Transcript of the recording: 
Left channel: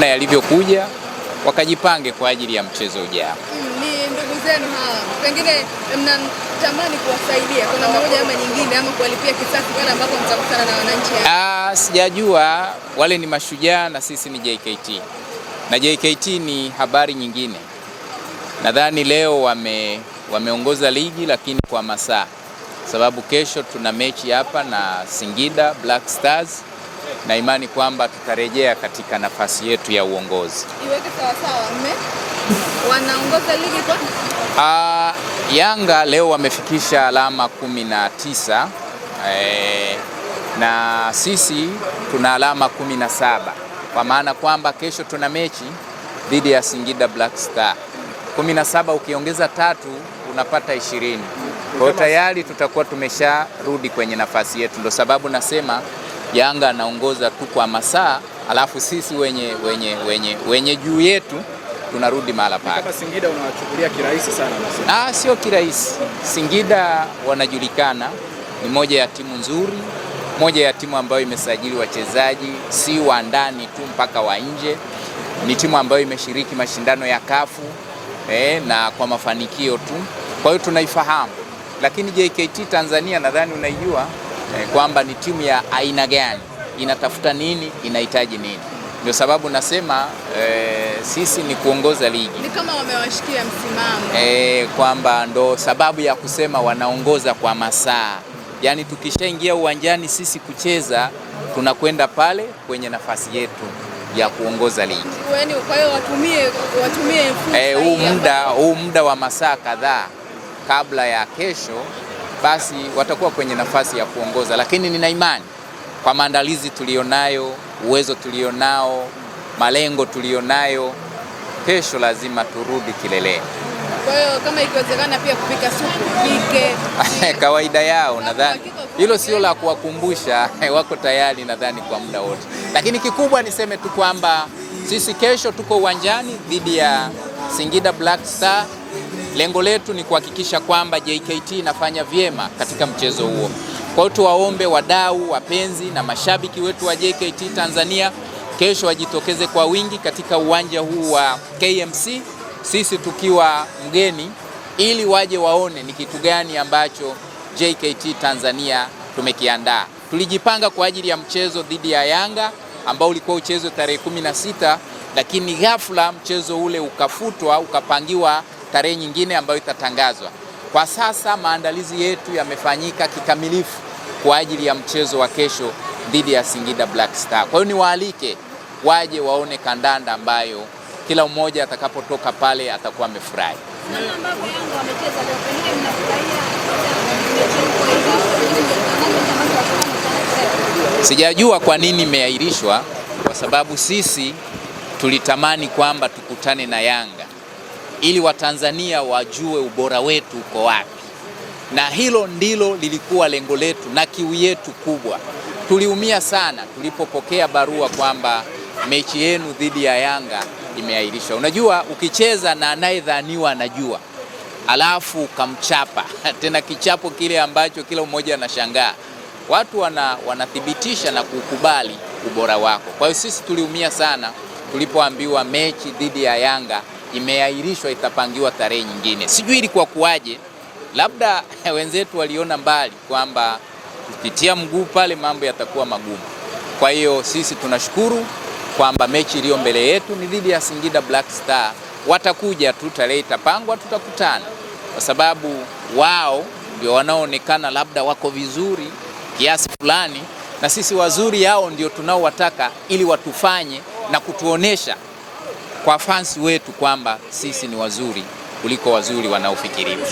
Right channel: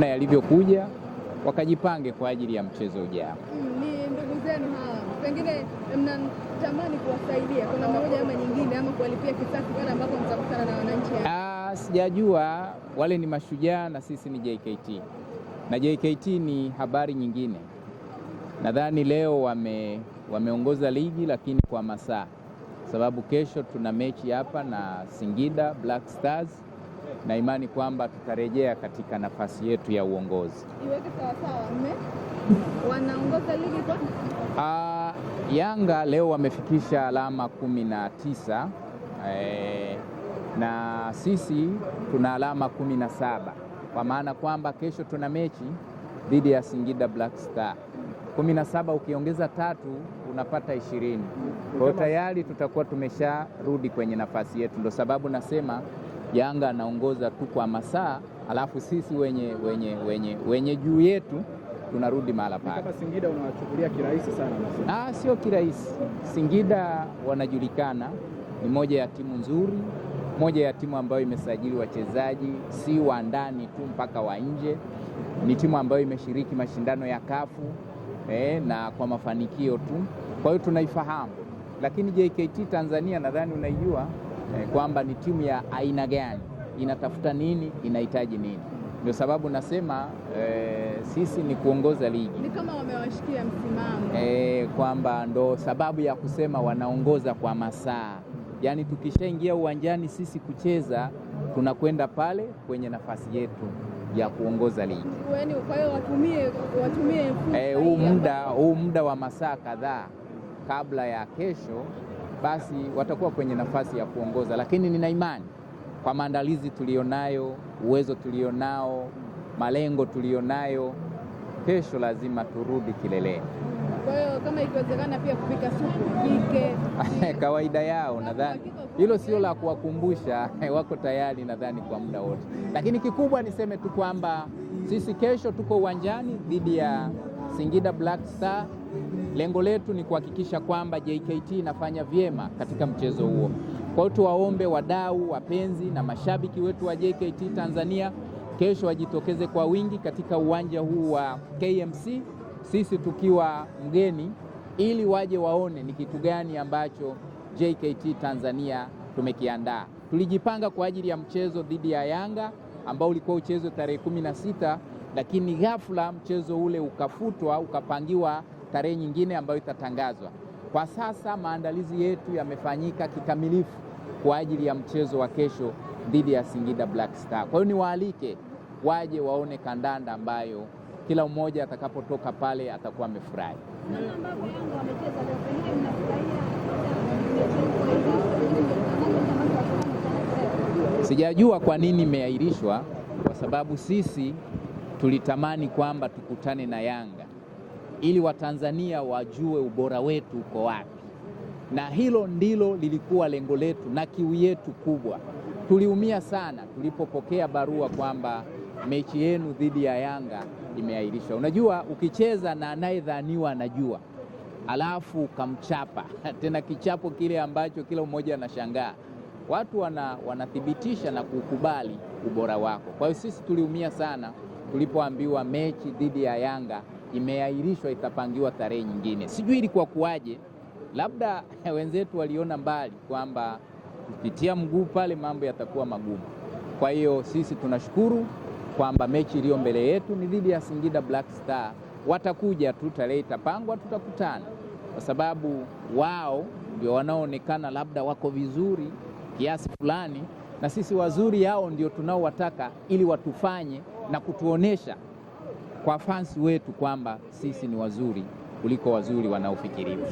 na yalivyokuja wakajipange kwa ajili ya mchezo ujao. Ni ndugu zenu hawa, pengine mnatamani kuwasaidia kwa namna moja ama nyingine, ama kuwalipia kisasi pale ambapo mtakutana na wananchi? Sijajua, wale ni mashujaa na sisi ni JKT, na JKT ni habari nyingine. Nadhani leo wameongoza ligi, lakini kwa masaa, sababu kesho tuna mechi hapa na Singida Black Stars, na imani kwamba tutarejea katika nafasi yetu ya uongozi. Iweke sawa sawa, wanaongoza ligi kwa? Yanga leo wamefikisha alama 19, na sisi tuna alama 17, kwa maana kwamba kesho tuna mechi dhidi ya Singida Black Star. 17 ukiongeza 3 unapata 20. Kwa hiyo tayari tutakuwa tumesharudi kwenye nafasi yetu. Ndio sababu nasema Yanga anaongoza tu kwa masaa, alafu sisi wenye juu yetu tunarudi mahala pake. Kama Singida unawachukulia kirahisi sana? Sio kirahisi. Singida wanajulikana, ni moja ya timu nzuri, moja ya timu ambayo imesajili wachezaji si wa ndani tu mpaka wa nje. Ni timu ambayo imeshiriki mashindano ya kafu na kwa mafanikio tu. Kwa hiyo tunaifahamu. Lakini JKT Tanzania nadhani unaijua kwamba ni timu ya aina gani, inatafuta nini, inahitaji nini. Ndio sababu nasema sisi ni kuongoza ligi. Ni kama wamewashikia msimamo. Kwamba ndo sababu ya kusema wanaongoza kwa masaa. Yaani tukishaingia uwanjani sisi kucheza, tunakwenda pale kwenye nafasi yetu ya kuongoza ligi. Kwa hiyo watumie huu muda wa masaa kadhaa kabla ya kesho, basi watakuwa kwenye nafasi ya kuongoza. Lakini nina imani kwa maandalizi tulionayo, uwezo tulionao, malengo tulionayo, kesho lazima turudi kileleni. Kwa hiyo kama ikiwezekana pia kupika supu pike. Kawaida yao nadhani. Hilo sio la kuwakumbusha, wako tayari nadhani kwa muda wote. Lakini kikubwa niseme tu kwamba sisi kesho tuko uwanjani dhidi ya Singida Black Star. Lengo letu ni kuhakikisha kwamba JKT inafanya vyema katika mchezo huo. Kwa hiyo tuwaombe wadau, wapenzi na mashabiki wetu wa JKT Tanzania kesho wajitokeze kwa wingi katika uwanja huu wa KMC, sisi tukiwa mgeni, ili waje waone ni kitu gani ambacho JKT Tanzania tumekiandaa. Tulijipanga kwa ajili ya mchezo dhidi ya Yanga ambao ulikuwa uchezo tarehe 16, lakini ghafla mchezo ule ukafutwa, ukapangiwa tarehe nyingine ambayo itatangazwa. Kwa sasa maandalizi yetu yamefanyika kikamilifu kwa ajili ya mchezo wa kesho dhidi ya Singida Black Star. Kwa hiyo niwaalike waje waone kandanda ambayo kila mmoja atakapotoka pale atakuwa amefurahi. Sijajua kwa nini imeahirishwa, kwa sababu sisi tulitamani kwamba tukutane na Yanga ili Watanzania wajue ubora wetu uko wapi, na hilo ndilo lilikuwa lengo letu na kiu yetu kubwa. Tuliumia sana tulipopokea barua kwamba mechi yenu dhidi ya Yanga imeahirishwa. Unajua, ukicheza na anayedhaniwa anajua, alafu kamchapa tena kichapo kile ambacho kila mmoja anashangaa, watu wanathibitisha na kukubali ubora wako. Kwa hiyo sisi tuliumia sana tulipoambiwa mechi dhidi ya Yanga imeahirishwa, itapangiwa tarehe nyingine. Sijui ilikuwa kuwaje, labda wenzetu waliona mbali kwamba kupitia mguu pale mambo yatakuwa magumu. Kwa hiyo sisi tunashukuru kwamba mechi iliyo mbele yetu ni dhidi ya Singida Black Star. Watakuja tu, tarehe itapangwa, tutakutana, kwa sababu wao ndio wanaoonekana labda wako vizuri kiasi fulani, na sisi wazuri yao ndio tunaowataka ili watufanye na kutuonesha kwa fans wetu kwamba sisi ni wazuri kuliko wazuri wanaofikiriwa.